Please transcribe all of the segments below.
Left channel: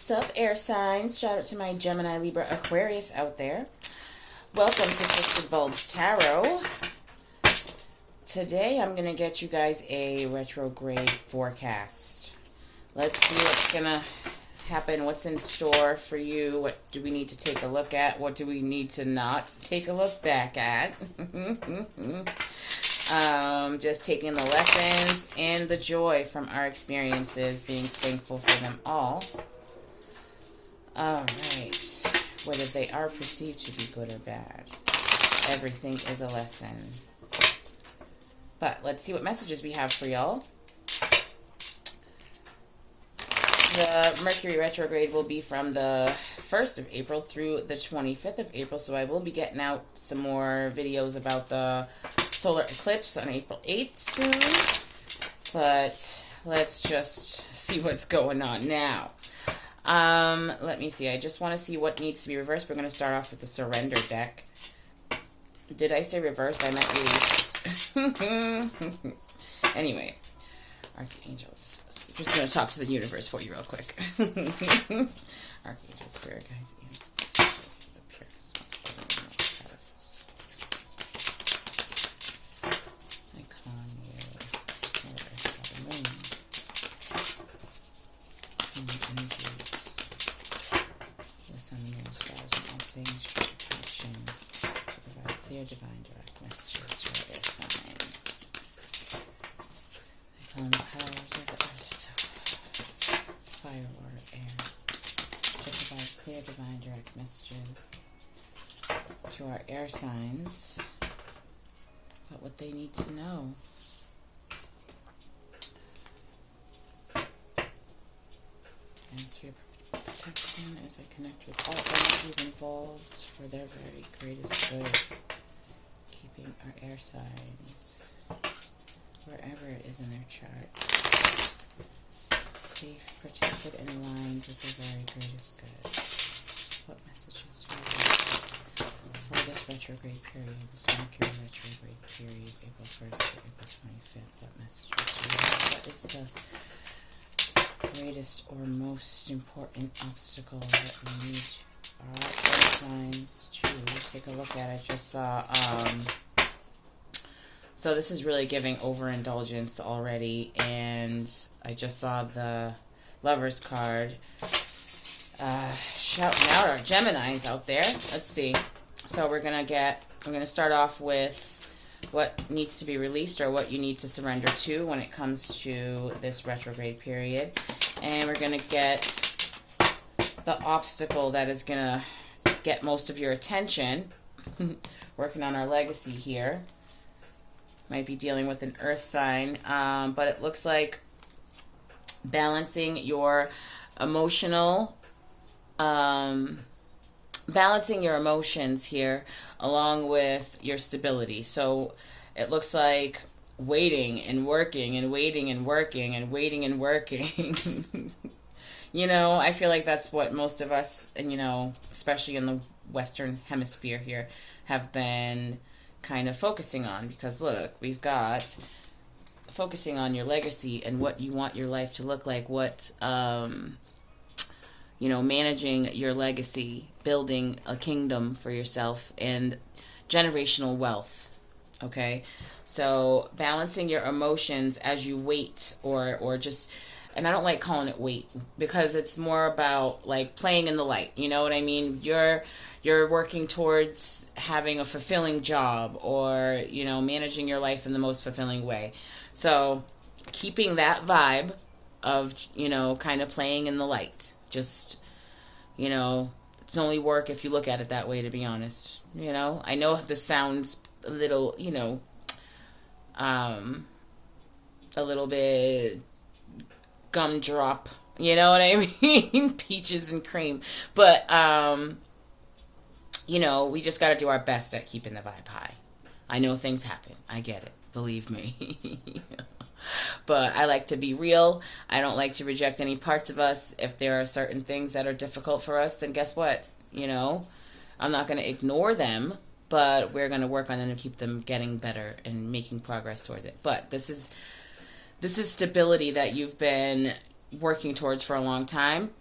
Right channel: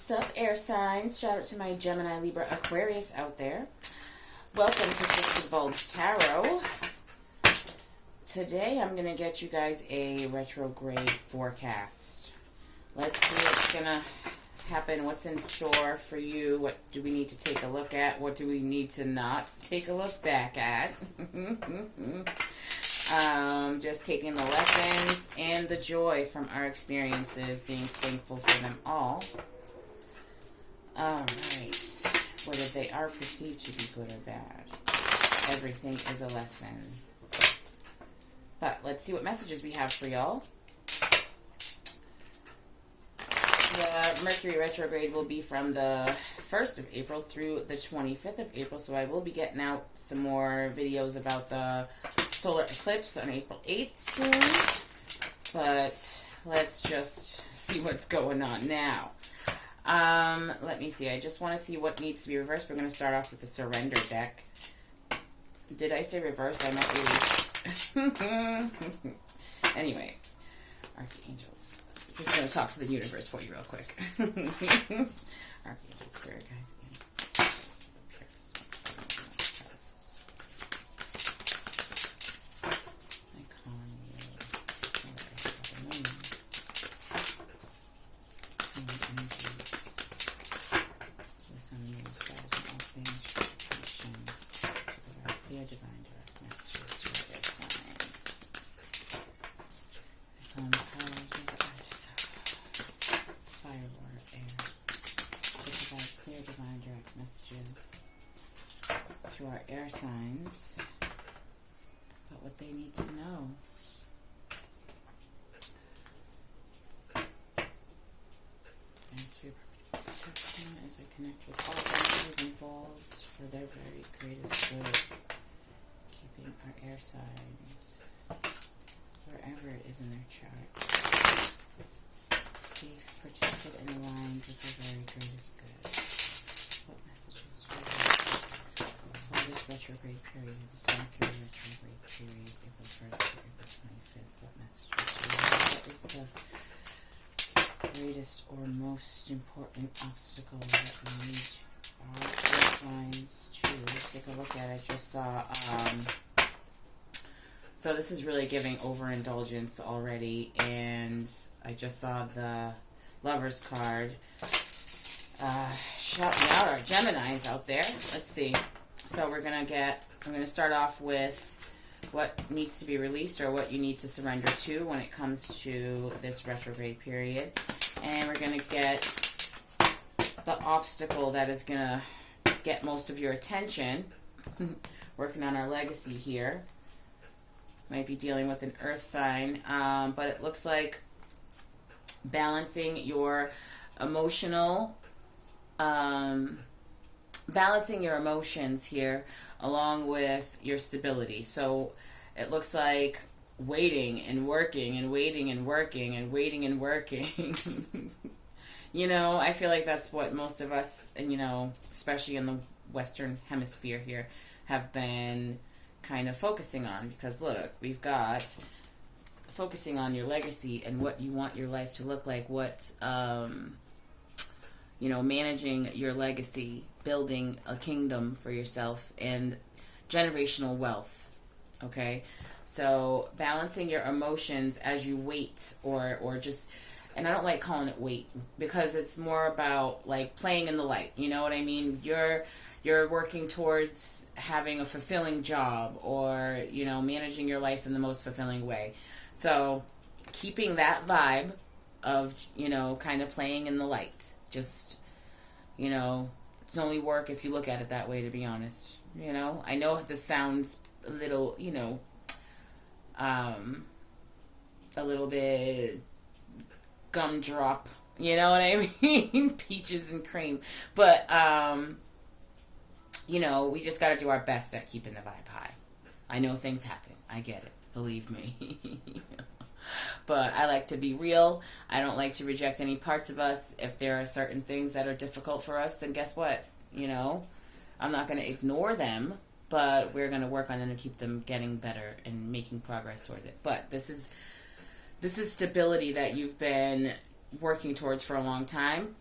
Sup, air signs? Shout out to my Gemini, Libra, Aquarius out there. Welcome to Twisted Bulbs Tarot. Today I'm going to get you guys a retrograde forecast. Let's see what's going to happen, what's in store for you, what do we need to take a look at, what do we need to not take a look back at. Just taking the lessons and the joy from our experiences, being thankful for them all. Alright, whether they are perceived to be good or bad, everything is a lesson. But let's see what messages we have for y'all. The Mercury retrograde will be from the 1st of April through the 25th of April, so I will be getting out some more videos about the solar eclipse on April 8th soon. But let's just see what's going on now. Let me see. I just want to see what needs to be reversed. We're going to start off with the surrender deck. Did I say reversed? I meant released. Anyway, archangels. So I'm just going to talk to the universe for you real quick. Archangels, spirit guides, ancestors, the purest, most powerful. I calm you. The moon. And the energies. The sun, moon, stars, and all things for protection. To provide clear, divine, direct messages to their signs. I calm the powers of the earth, fire, water, air. To provide clear, divine, direct messages to our air signs about what they need to know. Thanks for your protection as I connect with all energies involved for their very greatest good, keeping our air signs wherever it is in their chart safe, protected, and aligned with their very greatest good. What messages do I have for this retrograde period, this Mercury retrograde period, April 1st to April 25th? What messages do I have? What is the greatest or most important obstacle that we need our air signs to take a look at? I just saw, so this is really giving overindulgence already, and I just saw the Lover's card. Shouting out our Geminis out there. Let's see. So we're gonna start off with what needs to be released or what you need to surrender to when it comes to this retrograde period. And we're going to get the obstacle that is going to get most of your attention. Working on our legacy here. Might be dealing with an earth sign. But it looks like balancing your emotional... balancing your emotions here along with your stability. So it looks like waiting and working and waiting and working and waiting and working. You know, I feel like that's what most of us, and you know, especially in the Western Hemisphere here, have been kind of focusing on. Because look, we've got focusing on your legacy and what you want your life to look like, what you know, managing your legacy, building a kingdom for yourself, and generational wealth. Okay, so balancing your emotions as you wait, or just, and I don't like calling it wait, because it's more about like playing in the light. You know what I mean? You're working towards having a fulfilling job, or you know, managing your life in the most fulfilling way. So keeping that vibe of, you know, kind of playing in the light. Just, you know, it's only work if you look at it that way, to be honest. You know, I know this sounds a little, you know, a little bit gumdrop, you know what I mean? Peaches and cream. But, you know, we just got to do our best at keeping the vibe high. I know things happen. I get it. Believe me. But I like to be real. I don't like to reject any parts of us. If there are certain things that are difficult for us, then guess what? You know, I'm not going to ignore them, but we're going to work on them and keep them getting better and making progress towards it. But this is stability that you've been working towards for a long time.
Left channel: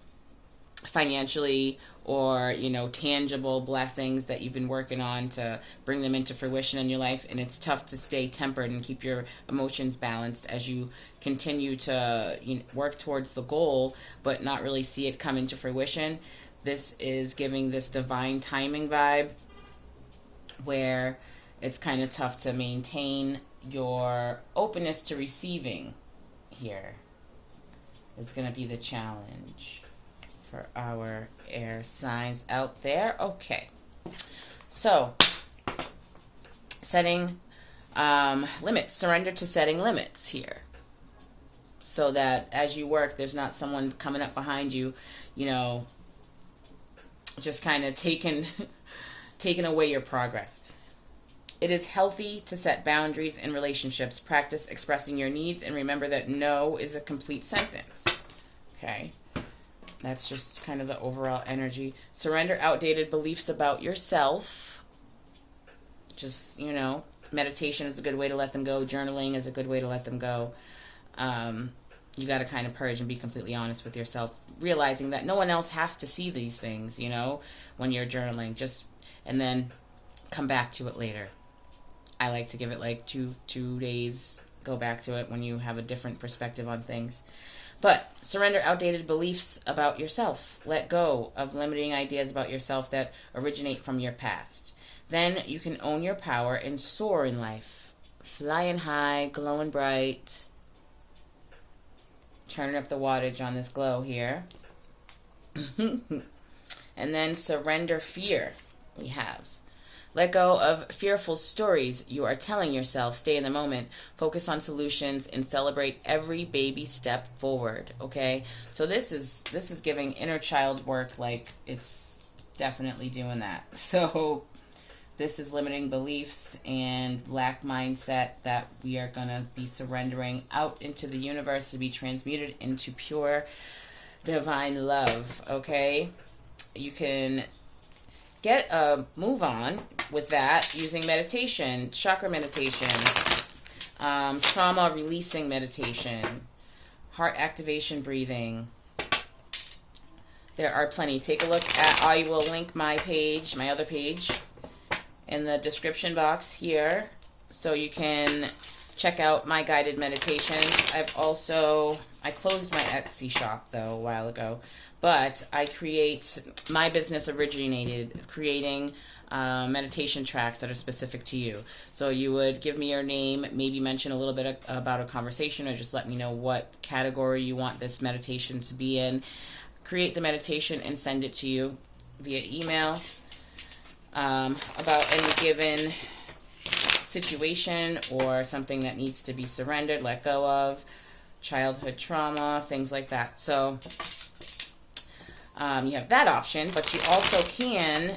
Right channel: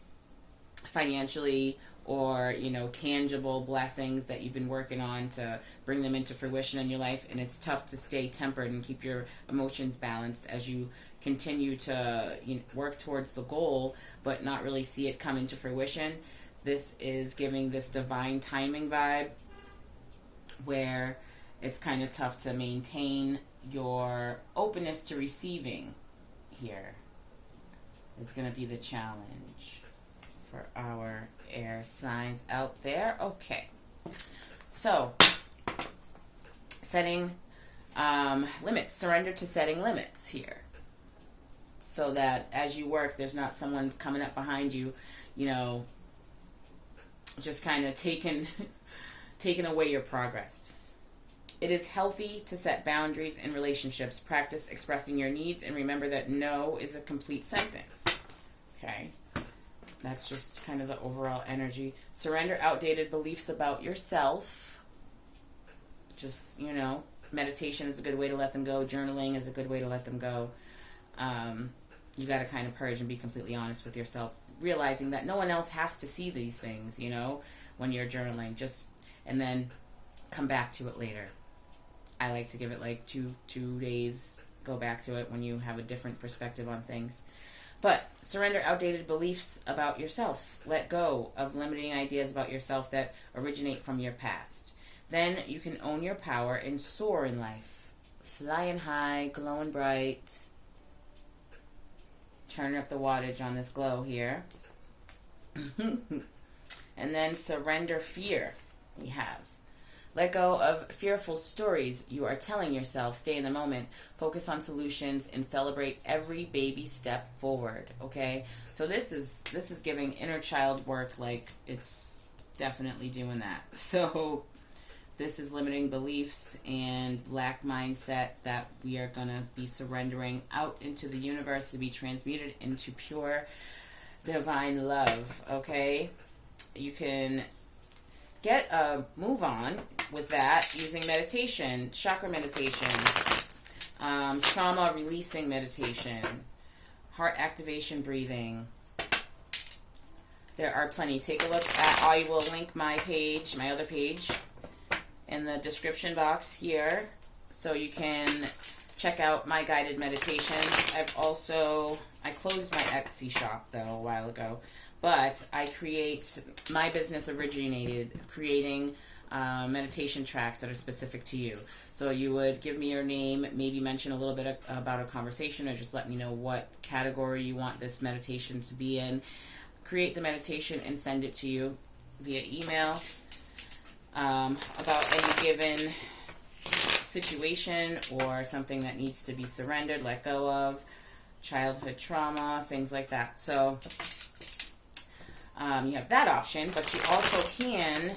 financially or, you know, tangible blessings that you've been working on to bring them into fruition in your life. And it's tough to stay tempered and keep your emotions balanced as you continue to, you know, work towards the goal, but not really see it come into fruition. This is giving this divine timing vibe where it's kind of tough to maintain your openness to receiving here. It's going to be the challenge for our air signs out there. Okay. So, setting limits. Surrender to setting limits here. So that as you work, there's not someone coming up behind you, you know, just kind of taking away your progress. It is healthy to set boundaries in relationships. Practice expressing your needs and remember that no is a complete sentence. Okay? That's just kind of the overall energy. Surrender outdated beliefs about yourself. Just, you know, meditation is a good way to let them go. Journaling is a good way to let them go. You got to kind of purge and be completely honest with yourself, realizing that no one else has to see these things, you know, when you're journaling. And then come back to it later. I like to give it like two days, go back to it when you have a different perspective on things. But surrender outdated beliefs about yourself. Let go of limiting ideas about yourself that originate from your past. Then you can own your power and soar in life. Flying high, glowing bright. Turning up the wattage on this glow here. And then surrender fear. We have. Let go of fearful stories you are telling yourself. Stay in the moment. Focus on solutions and celebrate every baby step forward. Okay? So this is giving inner child work, like it's definitely doing that. So this is limiting beliefs and lack mindset that we are going to be surrendering out into the universe to be transmuted into pure divine love. Okay? You can get a move on with that using meditation, chakra meditation, trauma releasing meditation, heart activation breathing. There are plenty. Take a look at, I will link my page, my other page, in the description box here, so you can check out my guided meditations. I closed my Etsy shop though a while ago, but my business originated creating meditation tracks that are specific to you. So you would give me your name, maybe mention a little bit about a conversation, or just let me know what category you want this meditation to be in. Create the meditation and send it to you via email about any given situation or something that needs to be surrendered, let go of, childhood trauma, things like that. So you have that option, but you also can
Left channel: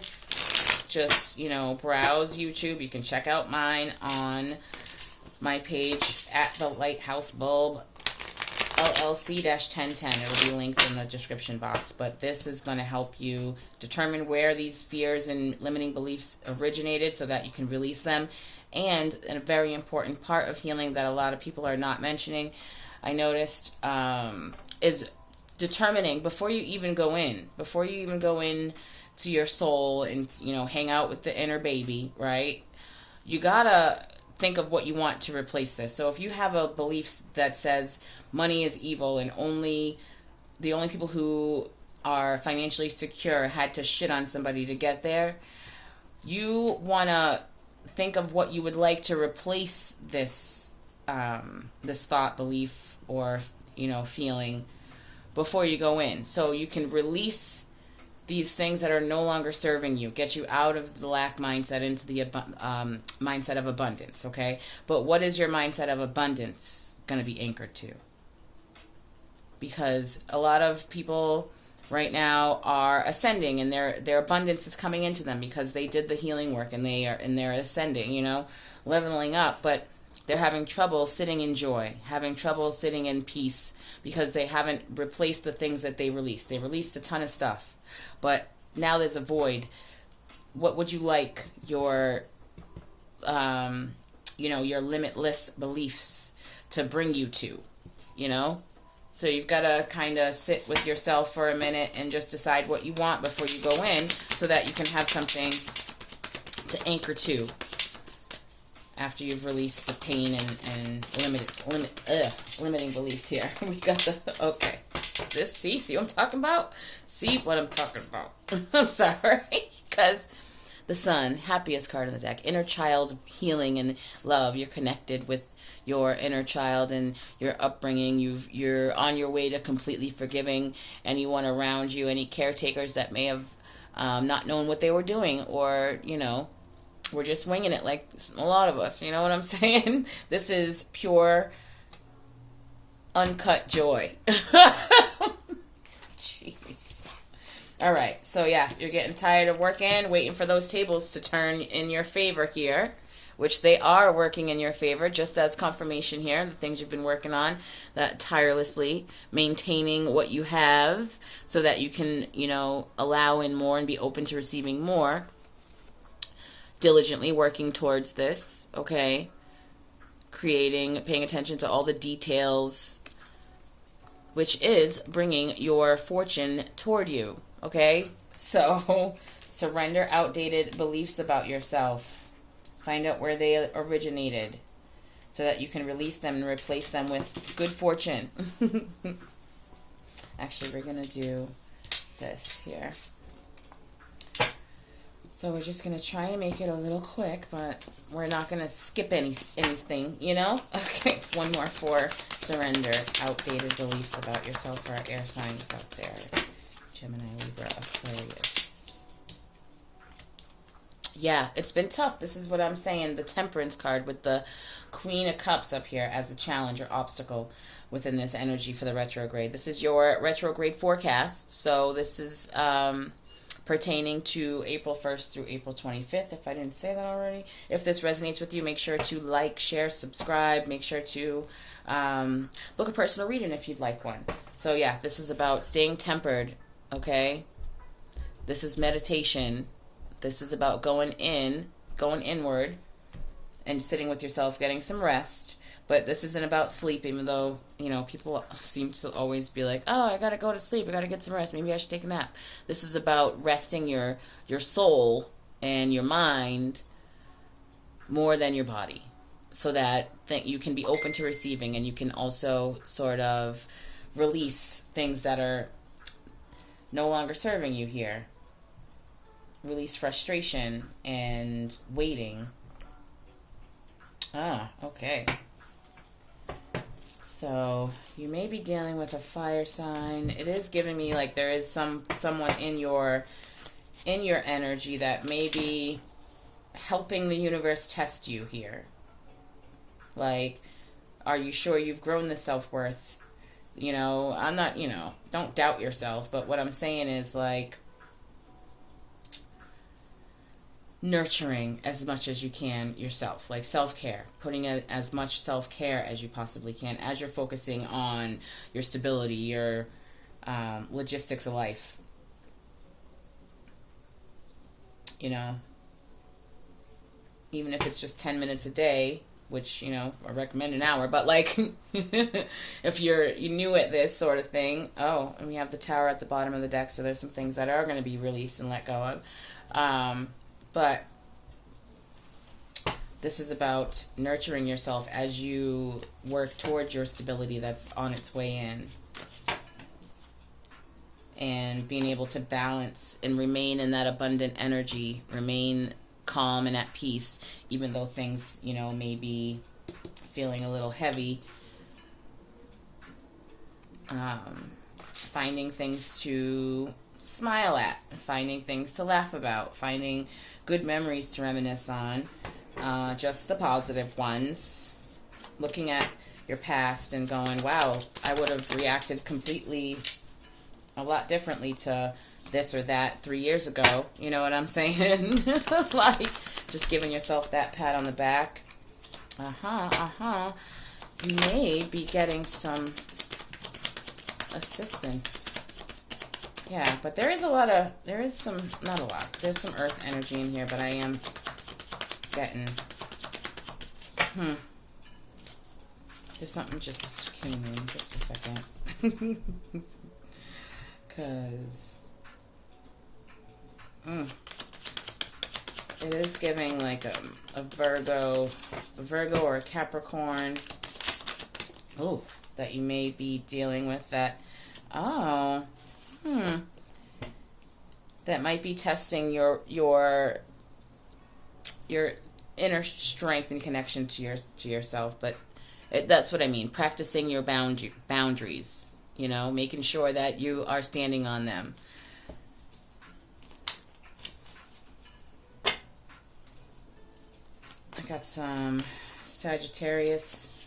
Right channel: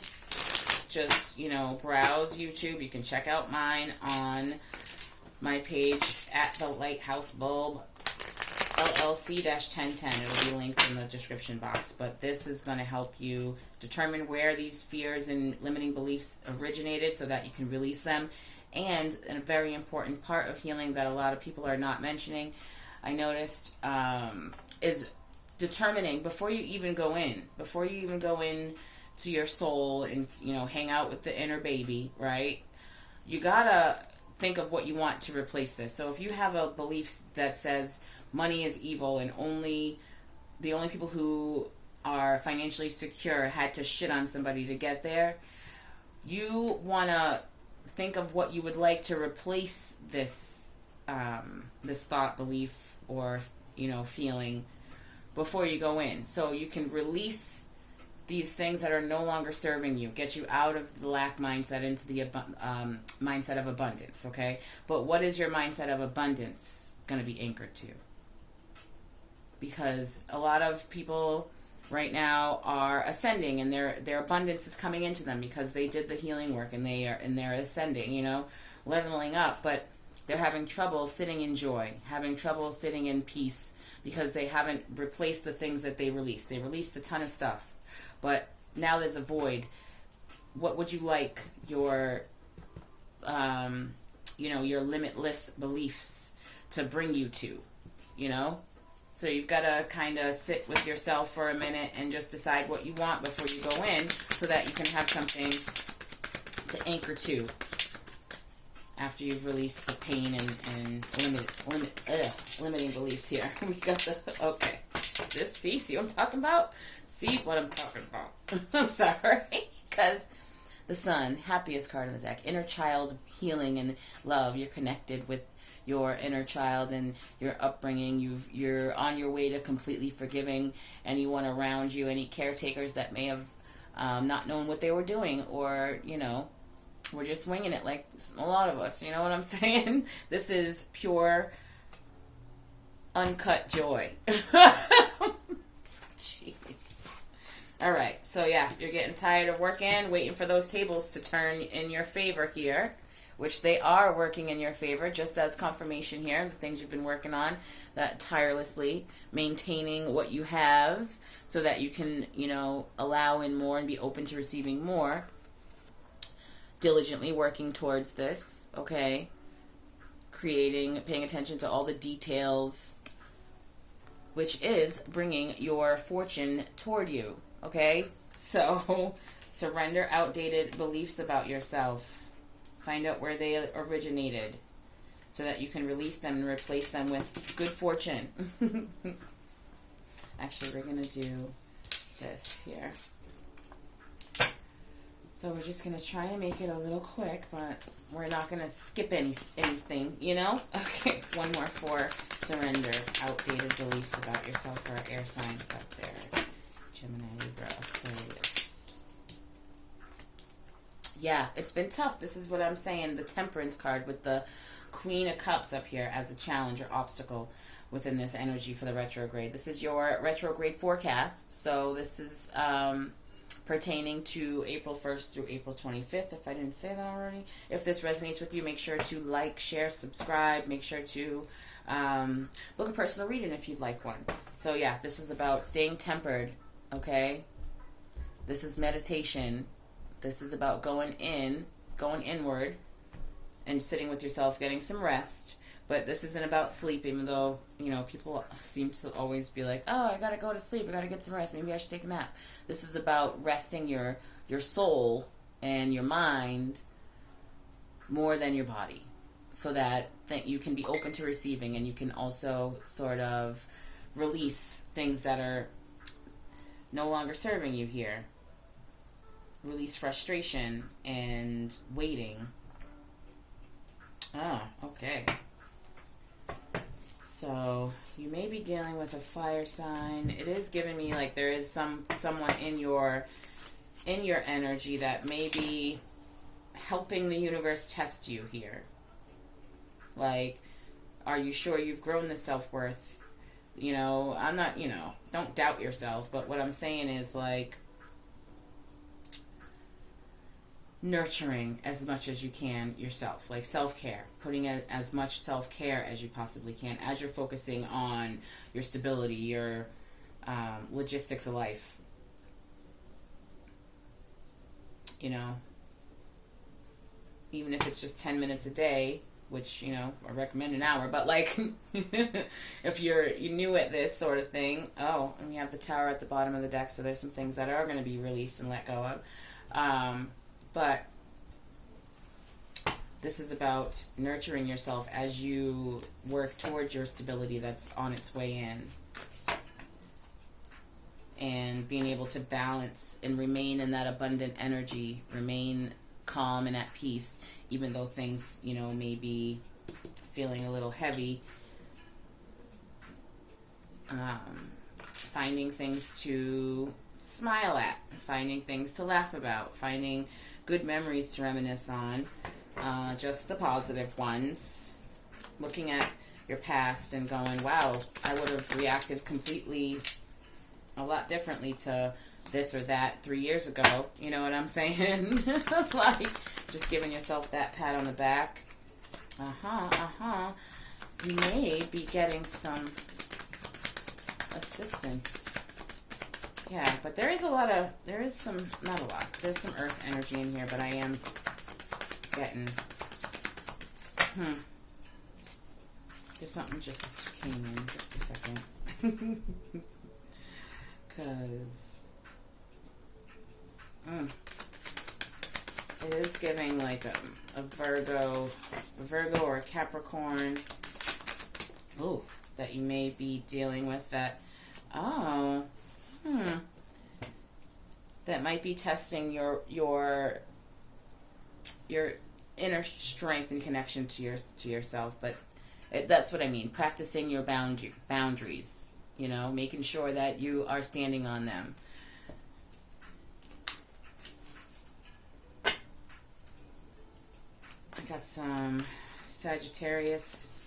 just, you know, browse YouTube. You can check out mine on my page at the Lighthouse Bulb LLC-1010. It will be linked in the description box. But this is going to help you determine where these fears and limiting beliefs originated so that you can release them. And a very important part of healing that a lot of people are not mentioning, I noticed, is determining before you even go in to your soul and, you know, hang out with the inner baby, right? You gotta think of what you want to replace this. So if you have a belief that says money is evil and the only people who are financially secure had to shit on somebody to get there, you wanna think of what you would like to replace this thought, belief, or, you know, feeling before you go in, so you can release these things that are no longer serving you, get you out of the lack mindset into the mindset of abundance. Okay, but what is your mindset of abundance going to be anchored to? Because a lot of people right now are ascending, and their abundance is coming into them because they did the healing work, and they're ascending, you know, leveling up, but they're having trouble sitting in joy, having trouble sitting in peace, because they haven't replaced the things that they released. They released a ton of stuff, but now there's a void. What would you like your, your limitless beliefs to bring you to, you know? So you've got to kind of sit with yourself for a minute and just decide what you want before you go in, so that you can have something to anchor to after you've released the pain and limiting beliefs here. We got the, okay. See what I'm talking about? See what I'm talking about. I'm sorry. Because the Sun, happiest card in the deck. Inner child healing and love. You're connected with your inner child and your upbringing. You're on your way to completely forgiving anyone around you, any caretakers that may have not known what they were doing, or, you know, we're just winging it like a lot of us. You know what I'm saying? This is pure, uncut joy. Jeez. All right. So, yeah, you're getting tired of working, waiting for those tables to turn in your favor here, which they are working in your favor, just as confirmation here, the things you've been working on, that tirelessly maintaining what you have so that you can, you know, allow in more and be open to receiving more. Diligently working towards this, okay? Creating, paying attention to all the details, which is bringing your fortune toward you, okay? So, surrender outdated beliefs about yourself. Find out where they originated so that you can release them and replace them with good fortune. Actually, we're going to do this here. So we're just going to try and make it a little quick, but we're not going to skip anything, you know? Okay, one more for surrender. Outdated beliefs about yourself for our air signs out there. Gemini, Libra, Aquarius. Yeah, it's been tough. This is what I'm saying. The Temperance card with the Queen of Cups up here as a challenge or obstacle within this energy for the retrograde. This is your retrograde forecast. So this is pertaining to April 1st through April 25th, if I didn't say that already. If this resonates with you, make sure to like, share, subscribe. Make sure to book a personal reading if you'd like one. So yeah, this is about staying tempered, okay? This is meditation. This is about going inward and sitting with yourself, getting some rest. But this isn't about sleep, even though, you know, people seem to always be like, oh, I got to go to sleep. I got to get some rest. Maybe I should take a nap. This is about resting your soul and your mind more than your body, so that you can be open to receiving, and you can also sort of release things that are no longer serving you here. Release frustration and waiting. Ah, okay. So you may be dealing with a fire sign. It is giving me like there is someone in your energy that may be helping the universe test you here. Like, are you sure you've grown the self-worth? You know, I'm not, you know, don't doubt yourself, but what I'm saying is like nurturing as much as you can yourself, like self-care, putting in as much self-care as you possibly can as you're focusing on your stability, your logistics of life. You know, even if it's just 10 minutes a day, which, you know, I recommend an hour, but like if you're new at this sort of thing, oh, and we have the Tower at the bottom of the deck, so there's some things that are going to be released and let go of. But this is about nurturing yourself as you work towards your stability that's on its way in. And being able to balance and remain in that abundant energy, remain calm and at peace, even though things, you know, may be feeling a little heavy. Finding things to smile at, finding things to laugh about, finding good memories to reminisce on, just the positive ones. Looking at your past and going, wow, I would have reacted completely a lot differently to this or that 3 years ago. You know what I'm saying? Like, just giving yourself that pat on the back. You may be getting some assistance. Yeah, but there's some, not a lot. There's some earth energy in here, but I am getting, there's something just came in, just a second. Because it is giving like a Virgo or a Capricorn. Oh, that you may be dealing with that. Oh, that might be testing your inner strength and connection to yourself. But that's what I mean. Practicing your boundaries. You know, making sure that you are standing on them. I got some Sagittarius,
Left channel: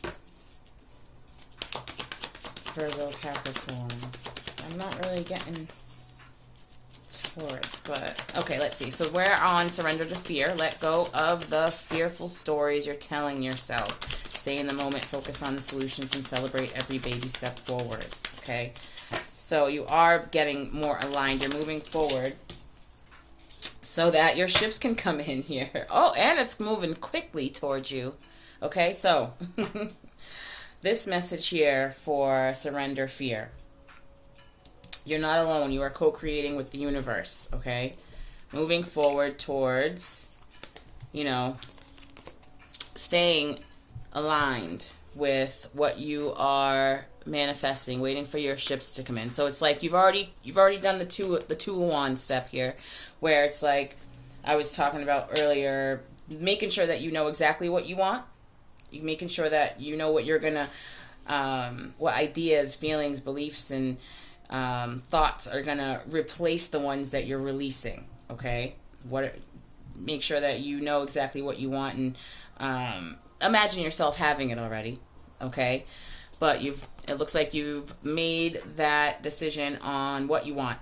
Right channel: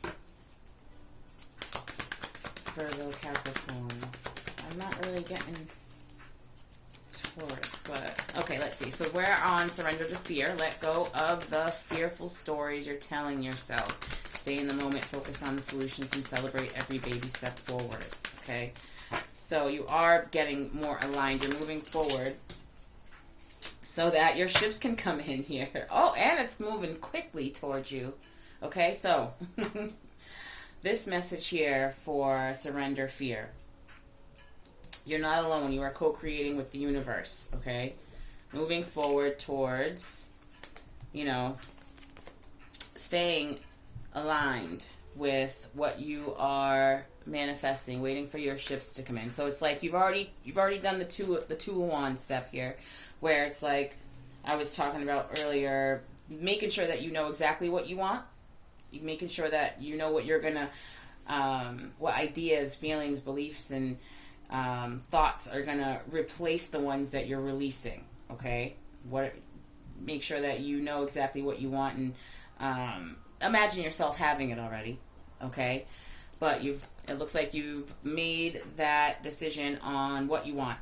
Virgo, Capricorn. I'm not really getting Taurus, but okay, let's see. So we're on surrender to fear. Let go of the fearful stories you're telling yourself. Stay in the moment, focus on the solutions, and celebrate every baby step forward. Okay, so you are getting more aligned. You're moving forward so that your ships can come in here. Oh, and it's moving quickly towards you. Okay, so this message here for surrender fear. You're not alone. You are co-creating with the universe. Okay, moving forward towards, you know, staying aligned with what you are manifesting, waiting for your ships to come in. So it's like you've already done the two of wands step here, where it's like I was talking about earlier, making sure that you know exactly what you want, making sure that you know what you're gonna, what ideas, feelings, beliefs, and thoughts are gonna replace the ones that you're releasing. Okay, make sure that you know exactly what you want, and imagine yourself having it already. Okay, but it looks like you've made that decision on what you want,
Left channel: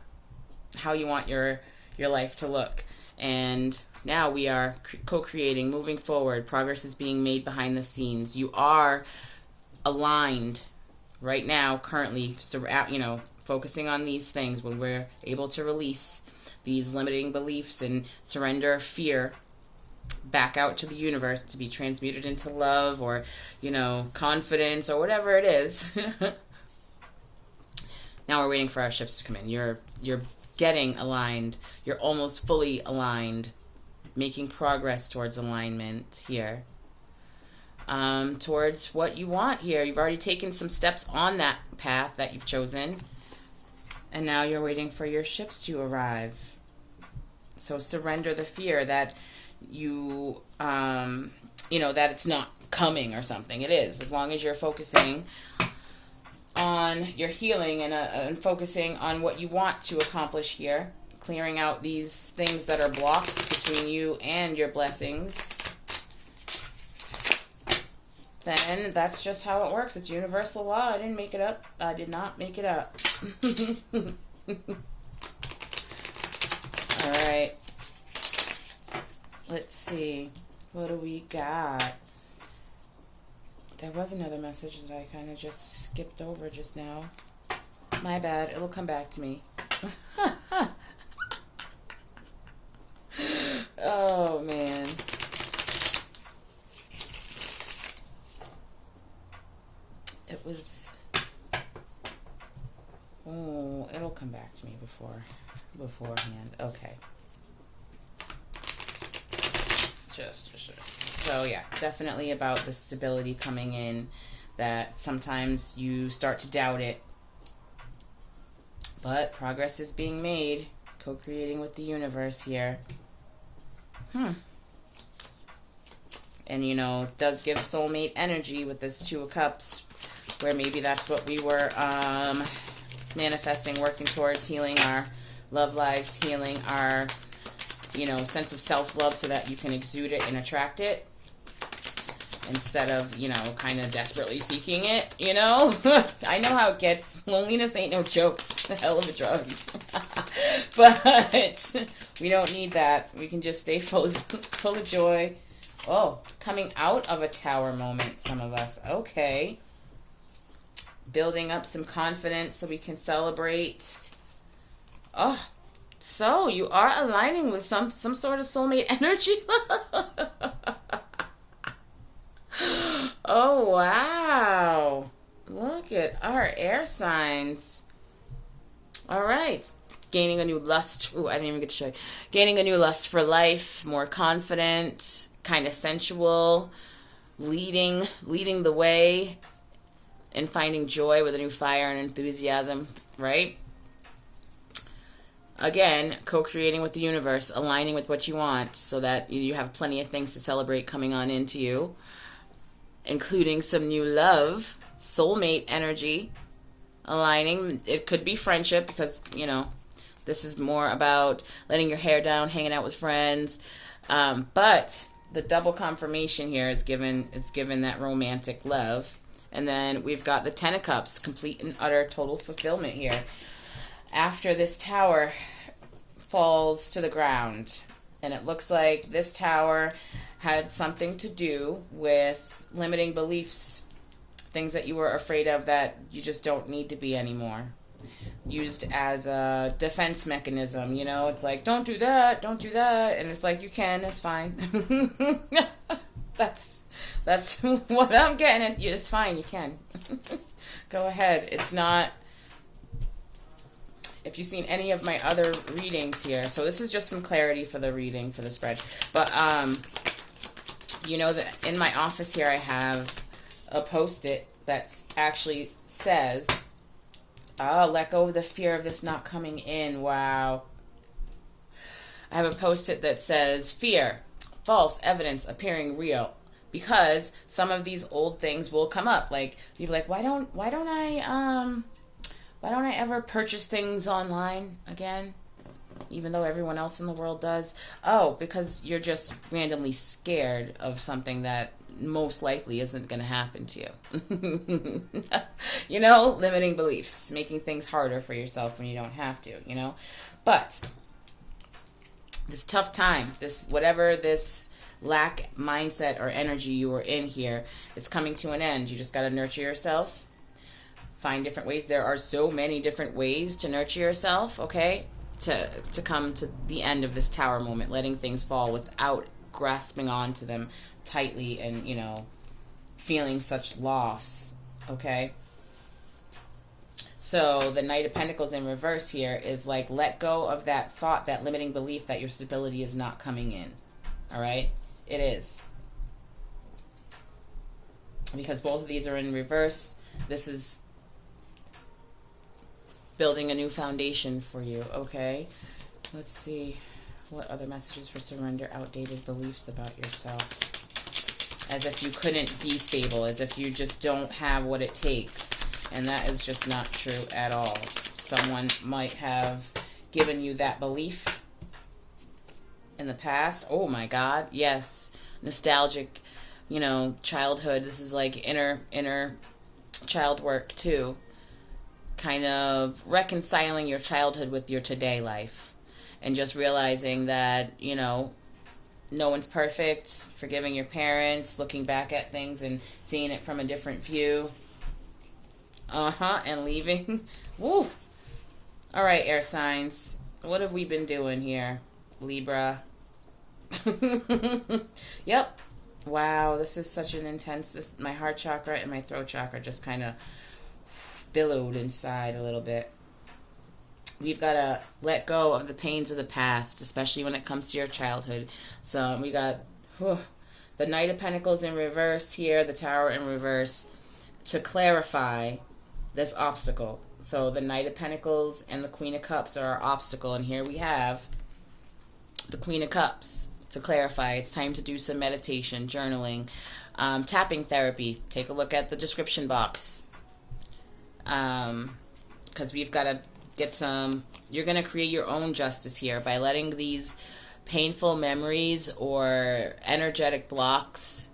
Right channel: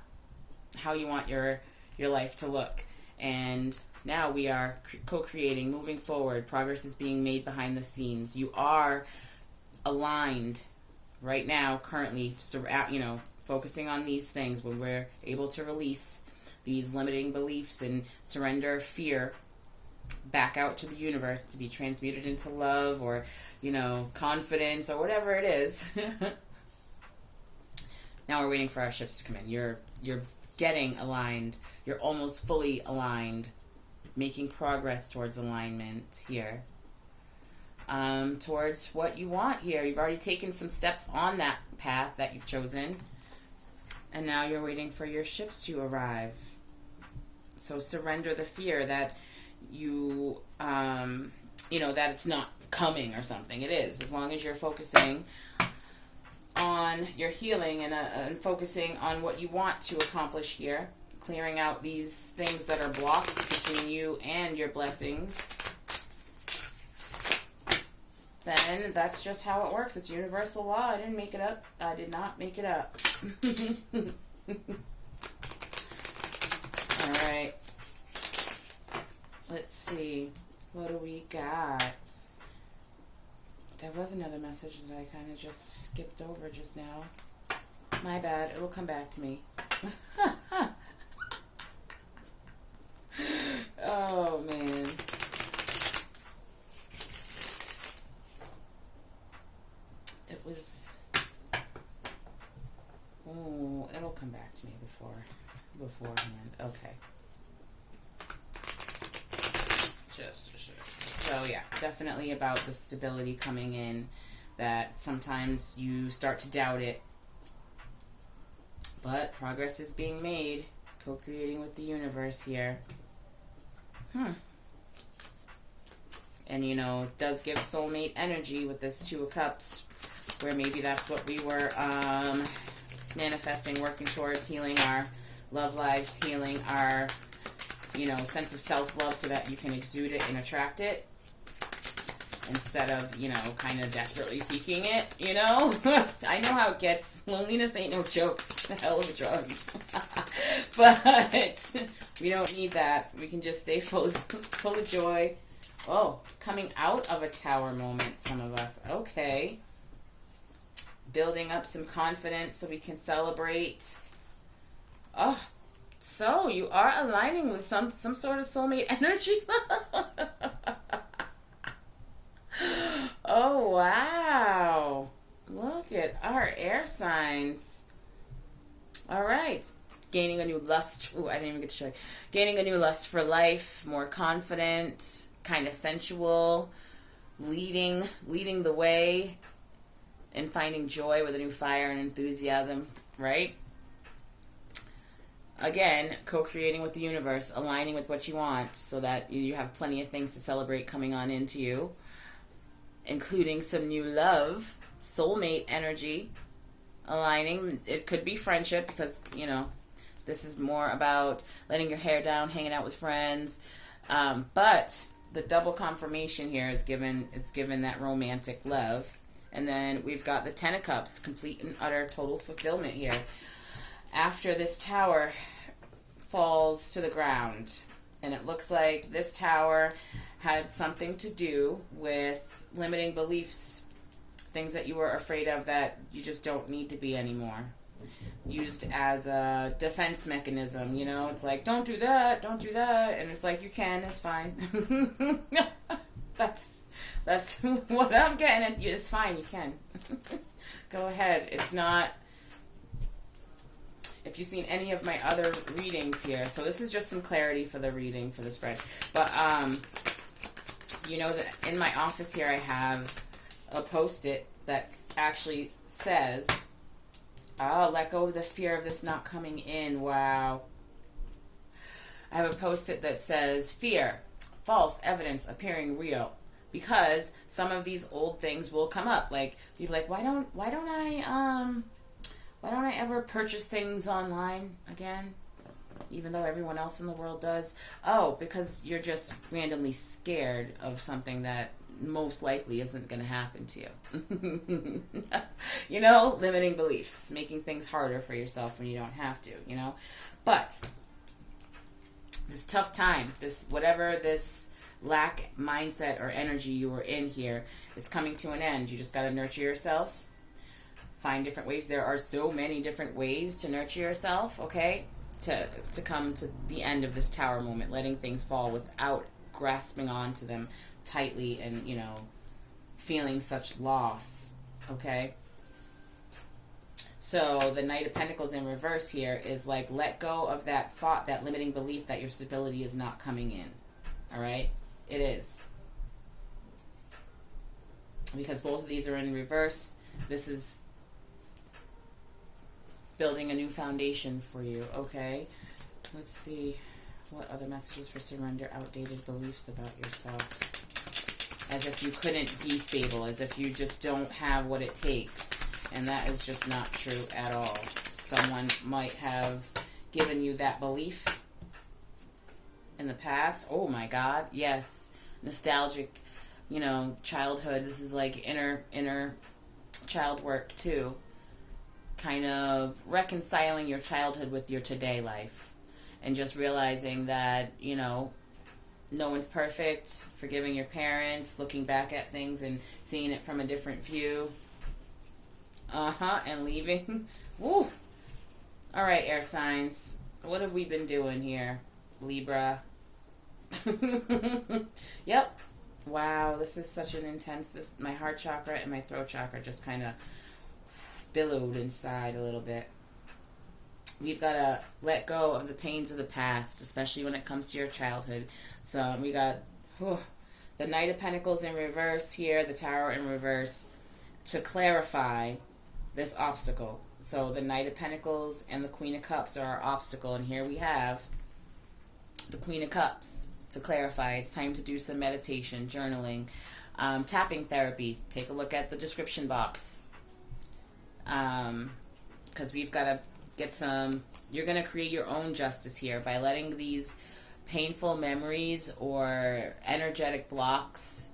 how you want your life to look, and now we are co-creating, moving forward. Progress is being made behind the scenes. You are aligned right now, currently, you know, focusing on these things. When we're able to release these limiting beliefs and surrender fear back out to the universe to be transmuted into love, or, you know, confidence, or whatever it is. Now we're waiting for our ships to come in. You're getting aligned. You're almost fully aligned, making progress towards alignment here, towards what you want here. You've already taken some steps on that path that you've chosen, and now you're waiting for your ships to arrive. So surrender the fear that you know, that it's not coming or something. It is, as long as you're focusing on your healing and focusing on what you want to accomplish here, clearing out these things that are blocks between you and your blessings, then that's just how it works. It's universal law. I didn't make it up. I did not make it up. All right. Let's see. What do we got? There was another message that I kind of just skipped over just now. My bad. It'll come back to me. Oh, man. It was... Oh, it'll come back to me beforehand. Okay. So yeah, definitely about the stability coming in, that sometimes you start to doubt it, but progress is being made, co-creating with the universe here. And, you know, it does give soulmate energy with this Two of Cups, where maybe that's what we were manifesting, working towards, healing our love lives, healing our, you know, sense of self-love, so that you can exude it and attract it, instead of, you know, kind of desperately seeking it, you know? I know how it gets. Loneliness ain't no joke. It's a hell of a drug. But we don't need that. We can just stay full of joy. Oh, coming out of a tower moment, some of us. Okay. Building up some confidence so we can celebrate. Oh, so you are aligning with some sort of soulmate energy. Oh, wow. Look at, all Tower, air signs. All right. Gaining a new lust. Ooh, I didn't even get to show you. Gaining a new lust for life, more confident, kind of sensual, leading the way, and finding joy with a new fire and enthusiasm, right? Again, co-creating with the universe, aligning with what you want so that you have plenty of things to celebrate coming on into you, including some new love, soulmate energy, aligning. It could be friendship because, you know, this is more about letting your hair down, hanging out with friends. But the double confirmation here is given that romantic love. And then we've got the Ten of Cups, complete and utter total fulfillment here. After this tower falls to the ground, and it looks like this tower had something to do with limiting beliefs, things that you were afraid of that you just don't need to be anymore. Used as a defense mechanism, you know, it's like, don't do that, and it's like, you can, it's fine. That's what I'm getting at. It's fine, you can. Go ahead. It's not... If you've seen any of my other readings here, so this is just some clarity for the reading, for the spread. But, you know, that in my office here I have a Post-it that actually says, oh, let go of the fear of this not coming in. Wow. I have a Post-it that says, fear, false evidence appearing real. Because some of these old things will come up. Like, you'll be like, why don't I ever purchase things online again? Even though everyone else in the world does. Oh, because you're just randomly scared of something that most likely isn't going to happen to you. You know, limiting beliefs, making things harder for yourself when you don't have to, you know. But this tough time, this whatever this lack mindset or energy you were in here is coming to an end. You just got to nurture yourself. Find different ways. There are so many different ways to nurture yourself, okay? To come to the end of this tower moment, letting things fall without grasping onto them tightly and, you know, feeling such loss, okay? So the Knight of Pentacles in reverse here is like, let go of that thought, that limiting belief that your stability is not coming in, all right? It is. Because both of these are in reverse. This is building a new foundation for you, okay? Let's see. What other messages for surrender outdated beliefs about yourself? As if you couldn't be stable, as if you just don't have what it takes. And that is just not true at all. Someone might have given you that belief in the past. Oh my God, yes. Nostalgic, you know, childhood. This is like inner child work too. Kind of reconciling your childhood with your today life. And just realizing that, you know, no one's perfect. Forgiving your parents, looking back at things and seeing it from a different view. And leaving. Woo! Alright, air signs. What have we been doing here? Libra. Yep. Wow, this is such an intense... my heart chakra and my throat chakra just kind of billowed inside a little bit. We've got to let go of the pains of the past, especially when it comes to your childhood. So we got the Knight of Pentacles in reverse here, the Tower in reverse, to clarify this obstacle. So the Knight of Pentacles and the Queen of Cups are our obstacle, and here we have the Queen of Cups to clarify. It's time to do some meditation, journaling, tapping therapy. Take a look at the description box. Because we've got to get some... You're going to create your own justice here by letting these painful memories or energetic blocks,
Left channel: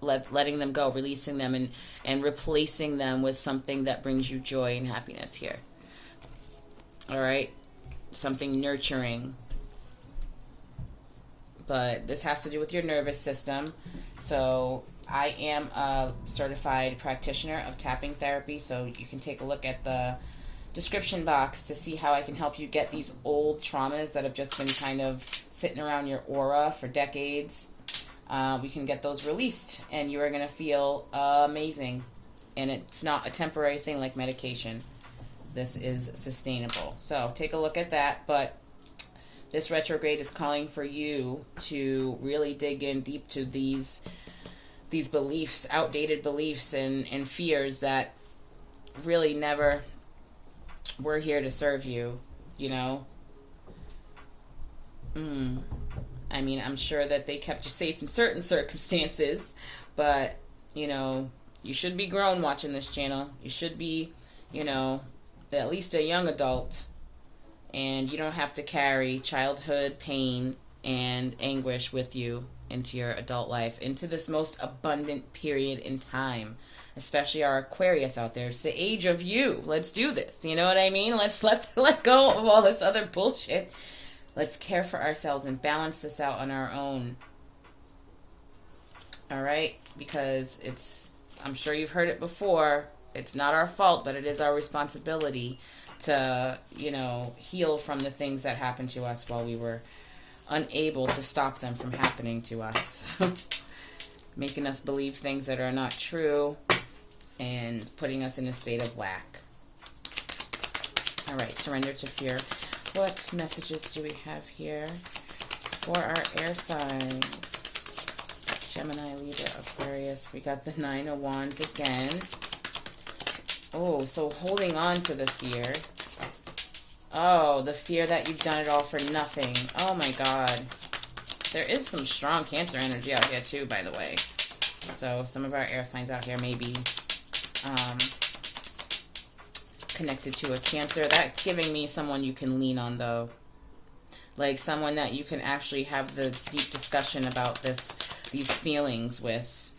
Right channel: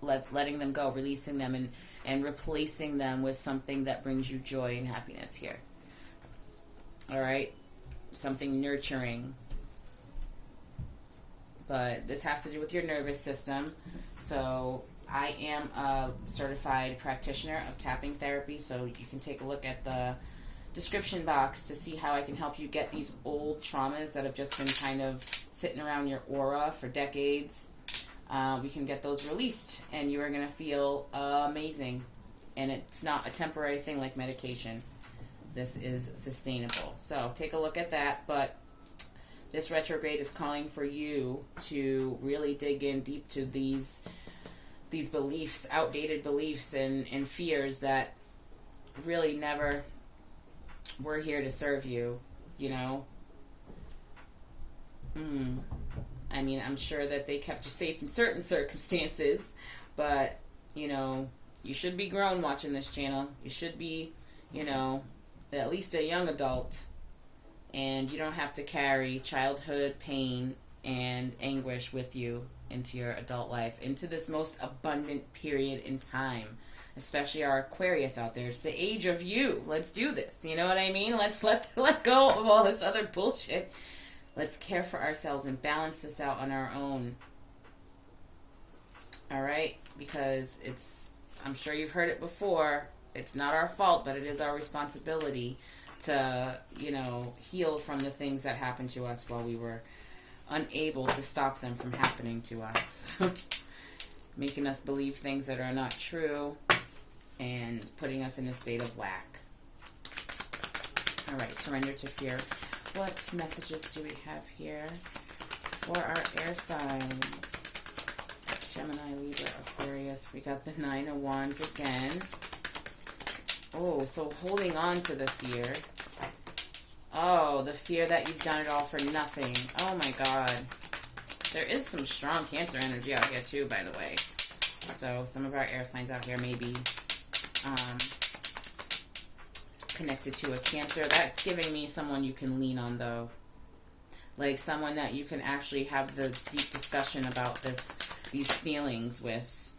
letting them go, releasing them, and replacing them with something that brings you joy and happiness here. All right? Something nurturing. But this has to do with your nervous system. So I am a certified practitioner of tapping therapy, so you can take a look at the description box to see how I can help you get these old traumas that have just been kind of sitting around your aura for decades. We can get those released, and you are going to feel amazing And it's not a temporary thing like medication. This is sustainable. So take a look at that. But this retrograde is calling for you to really dig in deep to these beliefs, outdated beliefs and fears that really never were here to serve you, you know? I mean, I'm sure that they kept you safe in certain circumstances, but, you know, you should be grown watching this channel. You should be, you know, at least a young adult, and you don't have to carry childhood pain and anguish with you into your adult life, into this most abundant period in time, especially our Aquarius out there. It's the age of you. Let's do this. You know what I mean? Let's let go of all this other bullshit. Let's care for ourselves and balance this out on our own. All right? Because I'm sure you've heard it before. It's not our fault, but it is our responsibility to, you know, heal from the things that happened to us while we were unable to stop them from happening to us. Making us believe things that are not true and putting us in a state of lack. All right, surrender to fear. What messages do we have here for our air signs? Gemini, Libra, Aquarius. We got the Nine of Wands again. Oh, so holding on to the fear. Oh, the fear that you've done it all for nothing. Oh my God. There is some strong Cancer energy out here too, by the way. So some of our air signs out here may be connected to a Cancer. That's giving me someone you can lean on, though. Like someone that you can actually have the deep discussion about these feelings with.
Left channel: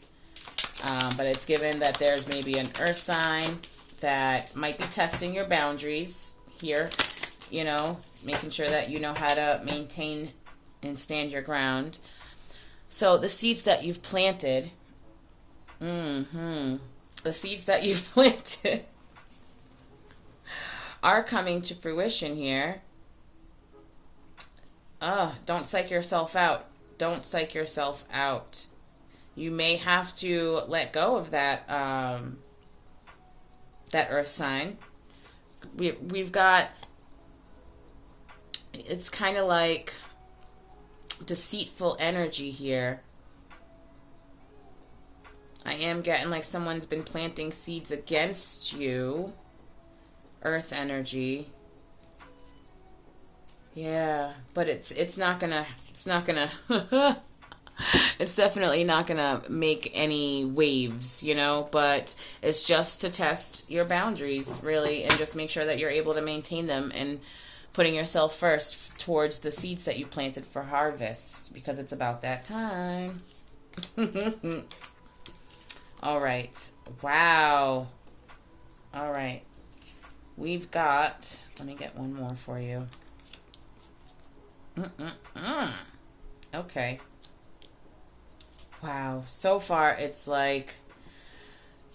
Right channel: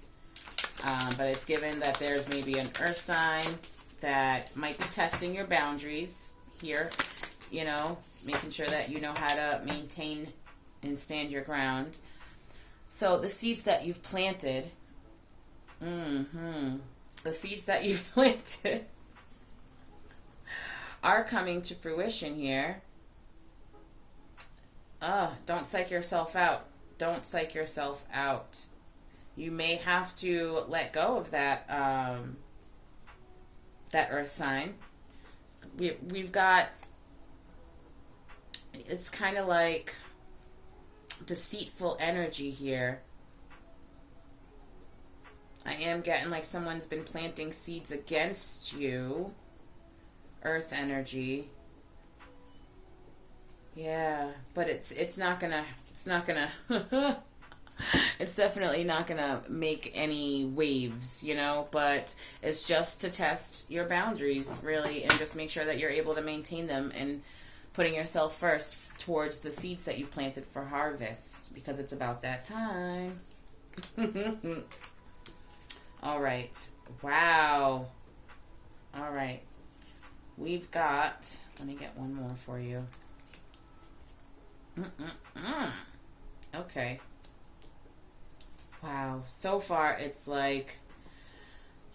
But it's given that there's maybe an earth sign that might be testing your boundaries here, you know, making sure that you know how to maintain and stand your ground. So the seeds that you've planted, the seeds that you've planted are coming to fruition here. Don't psych yourself out. Don't psych yourself out. You may have to let go of that that earth sign. We've got, it's kind of like deceitful energy here. I am getting like someone's been planting seeds against you. Earth energy. Yeah, but it's not gonna it's definitely not gonna make any waves, you know, but it's just to test your boundaries, really, and just make sure that you're able to maintain them and putting yourself first towards the seeds that you planted for harvest, because it's about that time. All right. Wow. All right. We've got, let me get one more for you. Okay. Wow. So far, it's like,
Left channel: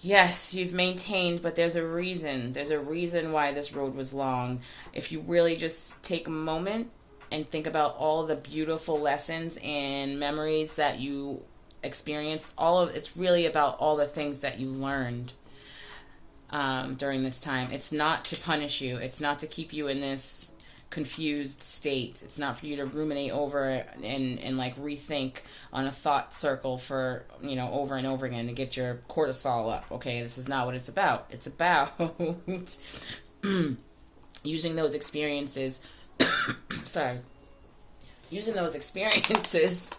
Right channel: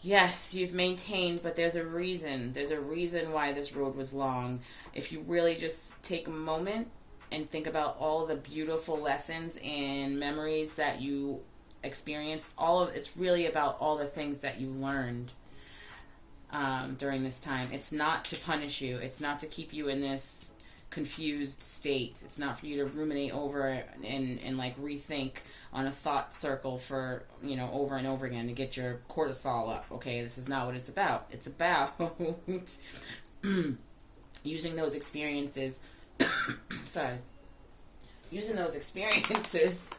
yes, you've maintained, but there's a reason. There's a reason why this road was long. If you really just take a moment and think about all the beautiful lessons and memories that you experienced, it's really about all the things that you learned during this time. It's not to punish you. It's not to keep you in this confused state. It's not for you to ruminate over and like rethink on a thought circle for, you know, over and over again to get your cortisol up. Okay, this is not what it's about. It's about using those experiences sorry. Using those experiences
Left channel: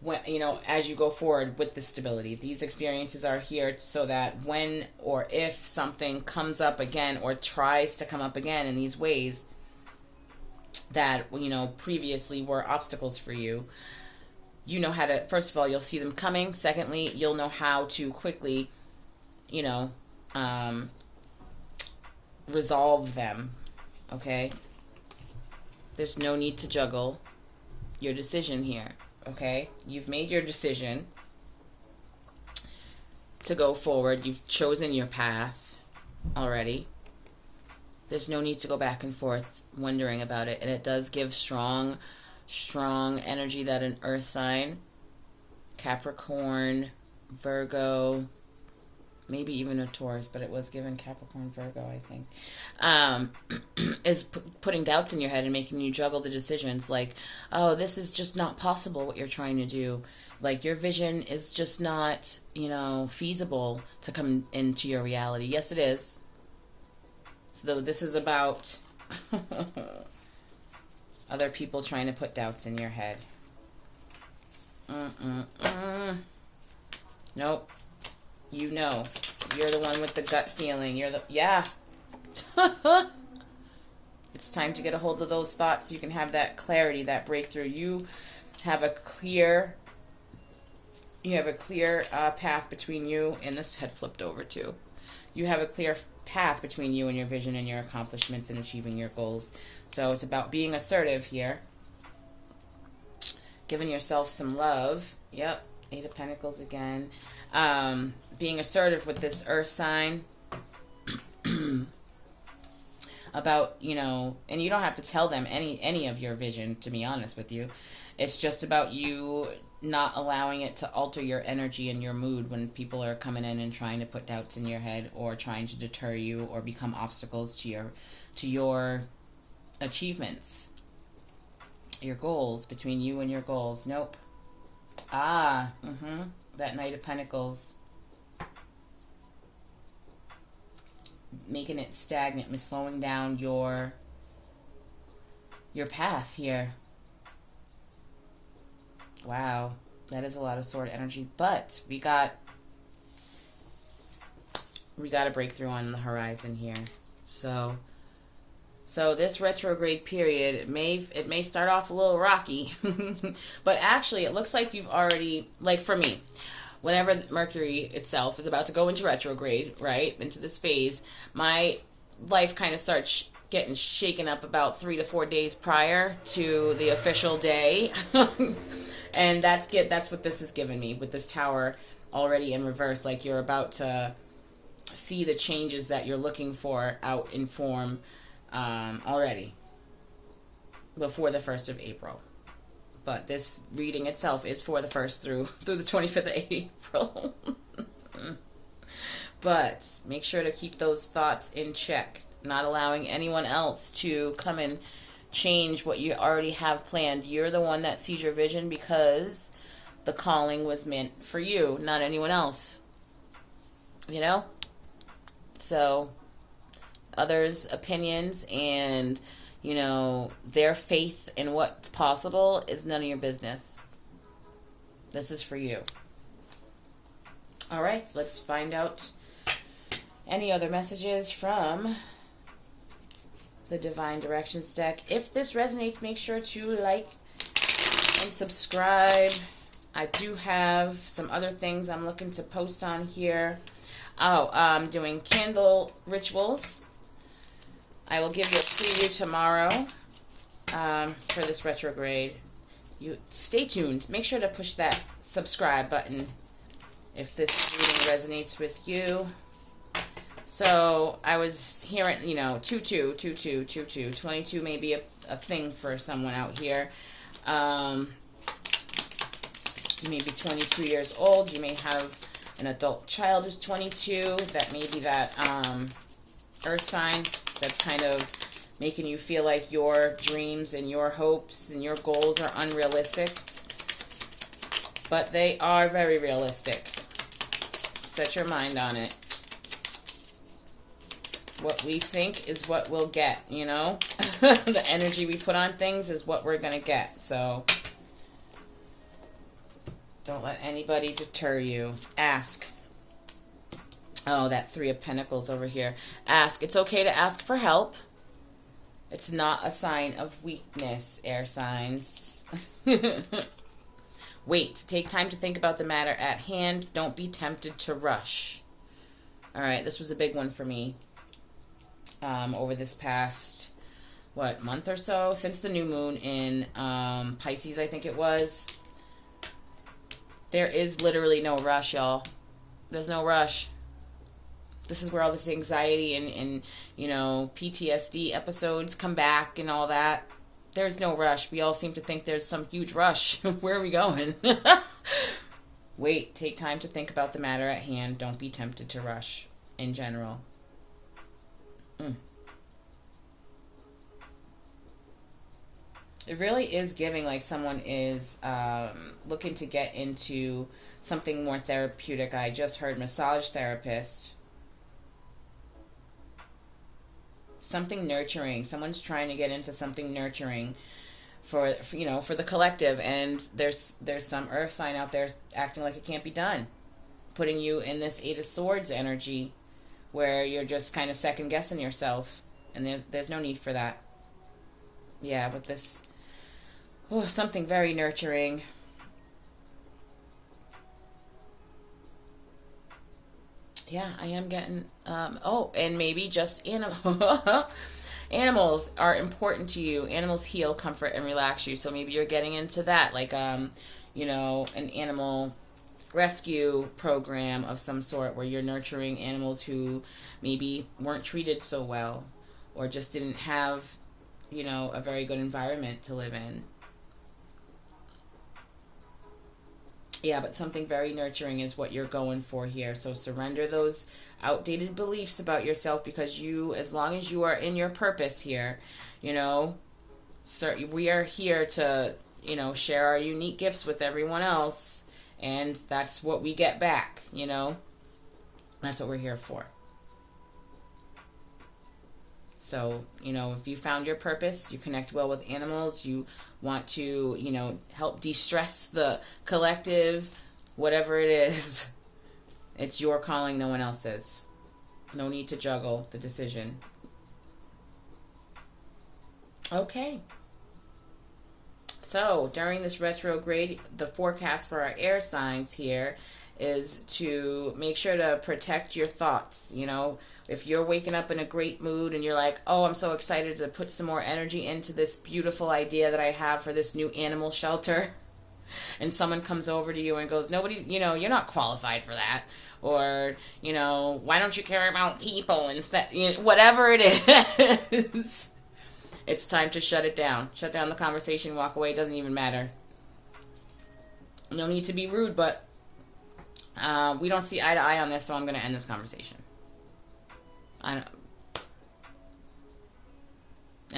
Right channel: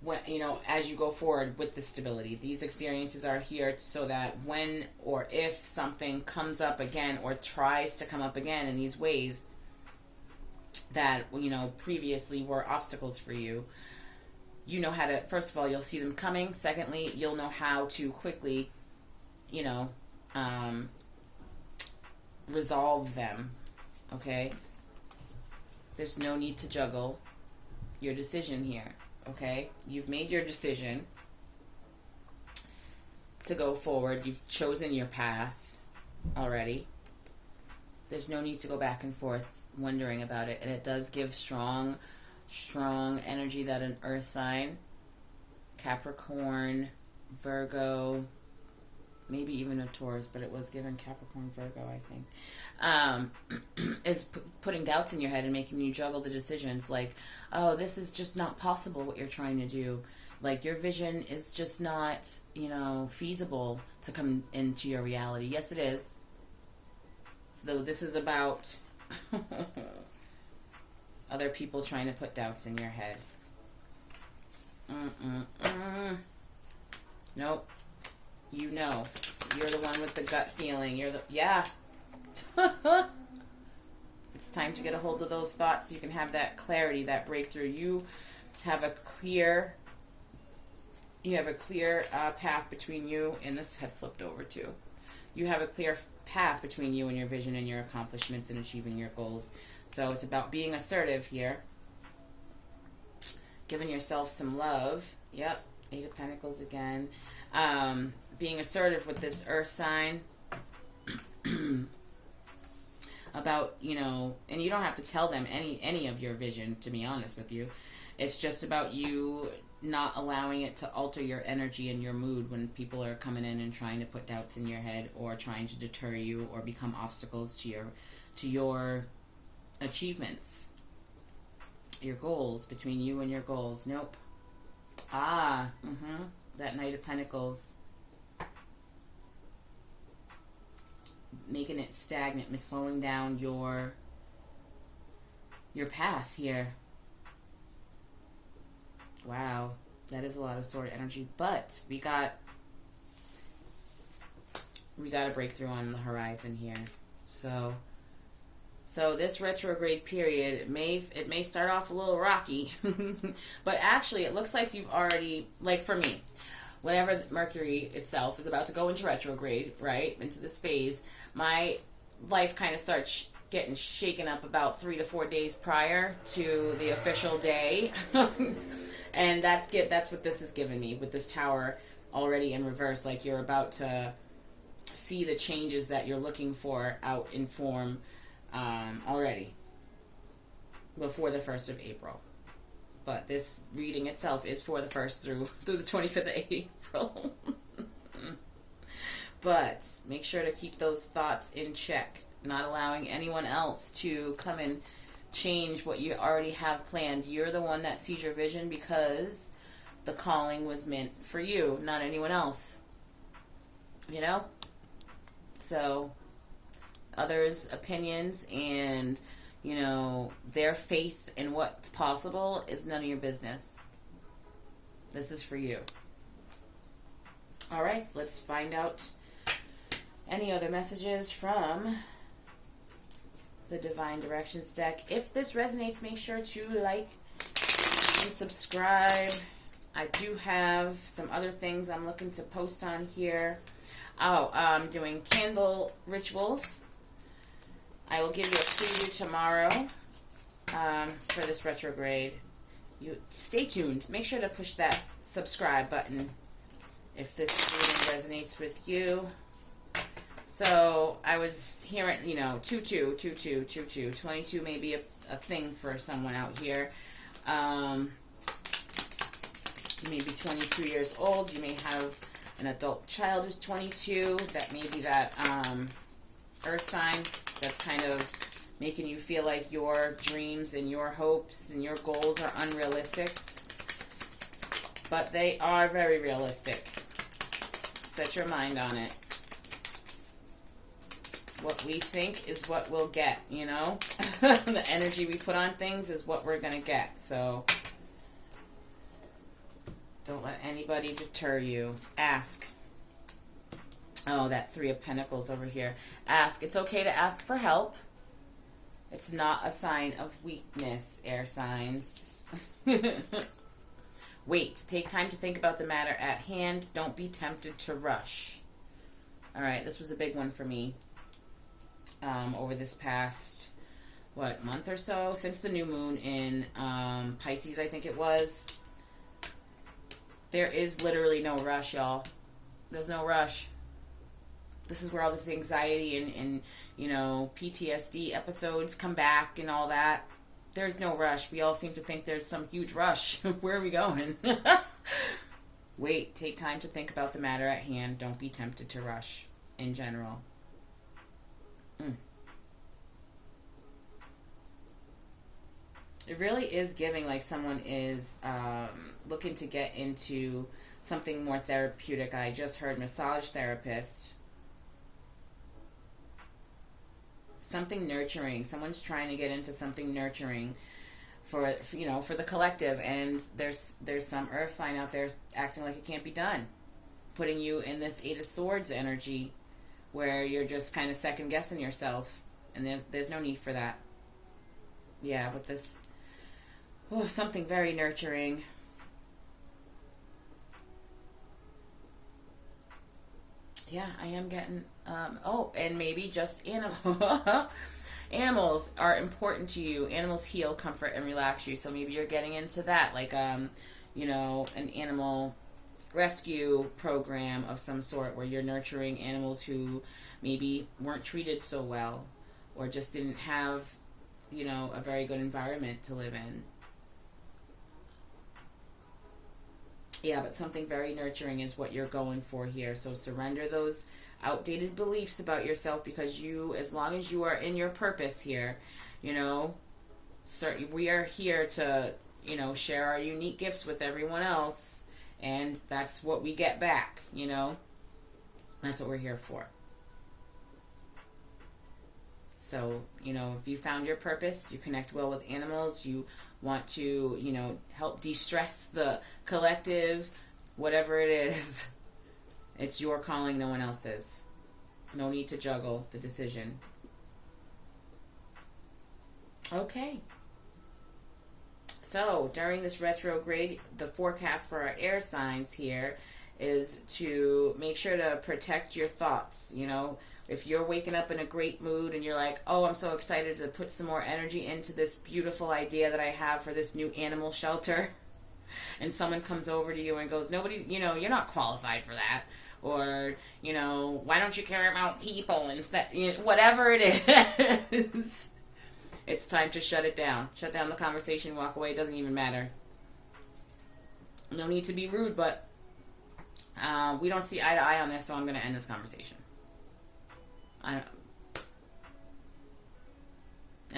when, you know, as you go forward with the stability. These experiences are here so that when or if something comes up again or tries to come up again in these ways that, you know, previously were obstacles for you, you know how to, first of all, you'll see them coming. Secondly, you'll know how to quickly, you know, resolve them. Okay? There's no need to juggle your decision here. Okay? You've made your decision to go forward. You've chosen your path already. There's no need to go back and forth wondering about it. And it does give strong energy that an earth sign Capricorn, Virgo, maybe even a Taurus, but it was given Capricorn, Virgo, I think, is putting doubts in your head and making you juggle the decisions. Like, oh, this is just not possible, what you're trying to do. Like, your vision is just not, feasible to come into your reality. Yes, it is. So this is about other people trying to put doubts in your head. Nope. You're the one with the gut feeling. Yeah. It's time to get a hold of those thoughts so you can have that clarity, that breakthrough. You have a clear path between you, and this had flipped over too. You have a clear path between you and your vision and your accomplishments and achieving your goals. So it's about being assertive here. Giving yourself some love. Yep. 8 of Pentacles again. Being assertive with this earth sign. About, and you don't have to tell them any of your vision, to be honest with you. It's just about you not allowing it to alter your energy and your mood when people are coming in and trying to put doubts in your head or trying to deter you or become obstacles to your achievements. Your goals, between you and your goals. Nope. That Knight of Pentacles. Making it stagnant, slowing down your path here. Wow, that is a lot of sword energy, but we got a breakthrough on the horizon here. So this retrograde period, it may start off a little rocky, but actually it looks like you've already, like for me, whenever Mercury itself is about to go into retrograde, right, into this phase, my life kind of starts getting shaken up about 3 to 4 days prior to the official day. And that's what this is giving me with this Tower already in reverse. Like, you're about to see the changes that you're looking for out in form already before the 1st of April. But this reading itself is for the 1st through the 25th of April. But make sure to keep those thoughts in check. Not allowing anyone else to come and change what you already have planned. You're the one that sees your vision because the calling was meant for you, not anyone else. So others' opinions and their faith in what's possible is none of your business. This is for you. All right, let's find out any other messages from the Divine Directions deck. If this resonates, make sure to like and subscribe. I do have some other things I'm looking to post on here. I'm doing candle rituals. I will give you a preview tomorrow for this retrograde. You stay tuned. Make sure to push that subscribe button if this reading resonates with you. So I was hearing, 22, 22 may be a thing for someone out here. You may be 22 years old. You may have an adult child who's 22. That may be that earth sign that's kind of making you feel like your dreams and your hopes and your goals are unrealistic. But they are very realistic. Set your mind on it. What we think is what we'll get, The energy we put on things is what we're going to get. So don't let anybody deter you. Ask. Oh, that 3 of Pentacles over here. Ask. It's okay to ask for help. It's not a sign of weakness, air signs. Wait. Take time to think about the matter at hand. Don't be tempted to rush. All right, this was a big one for me. Over this past, month or so, since the new moon in Pisces, I think it was. There is literally no rush, y'all. There's no rush. This is where all this anxiety and PTSD episodes come back and all that. There's no rush. We all seem to think there's some huge rush. Where are we going? Wait, take time to think about the matter at hand. Don't be tempted to rush in general. It really is giving like someone is looking to get into something more therapeutic. I just heard massage therapist. Something nurturing. Someone's trying to get into something nurturing for for the collective, and there's some earth sign out there acting like it can't be done, putting you in this Eight of Swords energy where you're just kind of second guessing yourself, and there's no need for that. Yeah, but this something very nurturing. Yeah, I am getting and maybe just animals are important to you. Animals heal, comfort, and relax you. So maybe you're getting into that, like an animal rescue program of some sort where you're nurturing animals who maybe weren't treated so well or just didn't have, a very good environment to live in. Yeah, but something very nurturing is what you're going for here. So surrender those outdated beliefs about yourself, because as long as you are in your purpose here, we are here to, share our unique gifts with everyone else, and that's what we get back, That's what we're here for. So, if you found your purpose, you connect well with animals, you want to, help de-stress the collective, whatever it is, it's your calling, no one else's. No need to juggle the decision. Okay. So, during this retrograde, the forecast for our air signs here is to make sure to protect your thoughts. If you're waking up in a great mood and you're like, oh, I'm so excited to put some more energy into this beautiful idea that I have for this new animal shelter, and someone comes over to you and goes, nobody's, you're not qualified for that, or, why don't you care about people instead, whatever it is, it's time to shut it down. Shut down the conversation, walk away, it doesn't even matter. No need to be rude, but we don't see eye to eye on this, so I'm going to end this conversation. And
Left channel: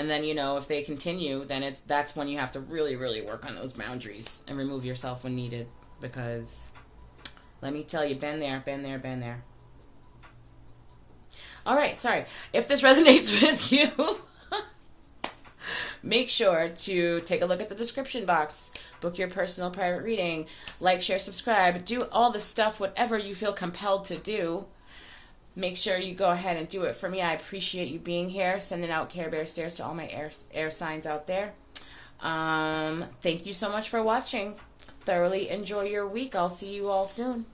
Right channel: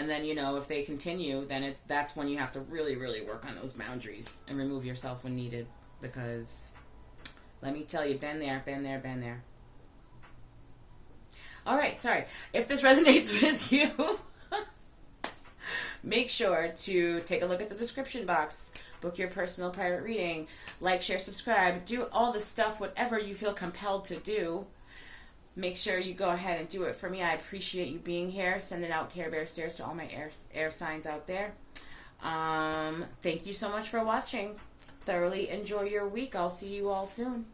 then, if they continue, then that's when you have to really, really work on those boundaries and remove yourself when needed. Because, let me tell you, been there. Alright, sorry. If this resonates with you, make sure to take a look at the description box. Book your personal private reading. Like, share, subscribe. Do all the stuff, whatever you feel compelled to do. Make sure you go ahead and do it for me. I appreciate you being here. Sending out Care Bear stares to all my air signs out there. Thank you so much for watching. Thoroughly enjoy your week. I'll see you all soon.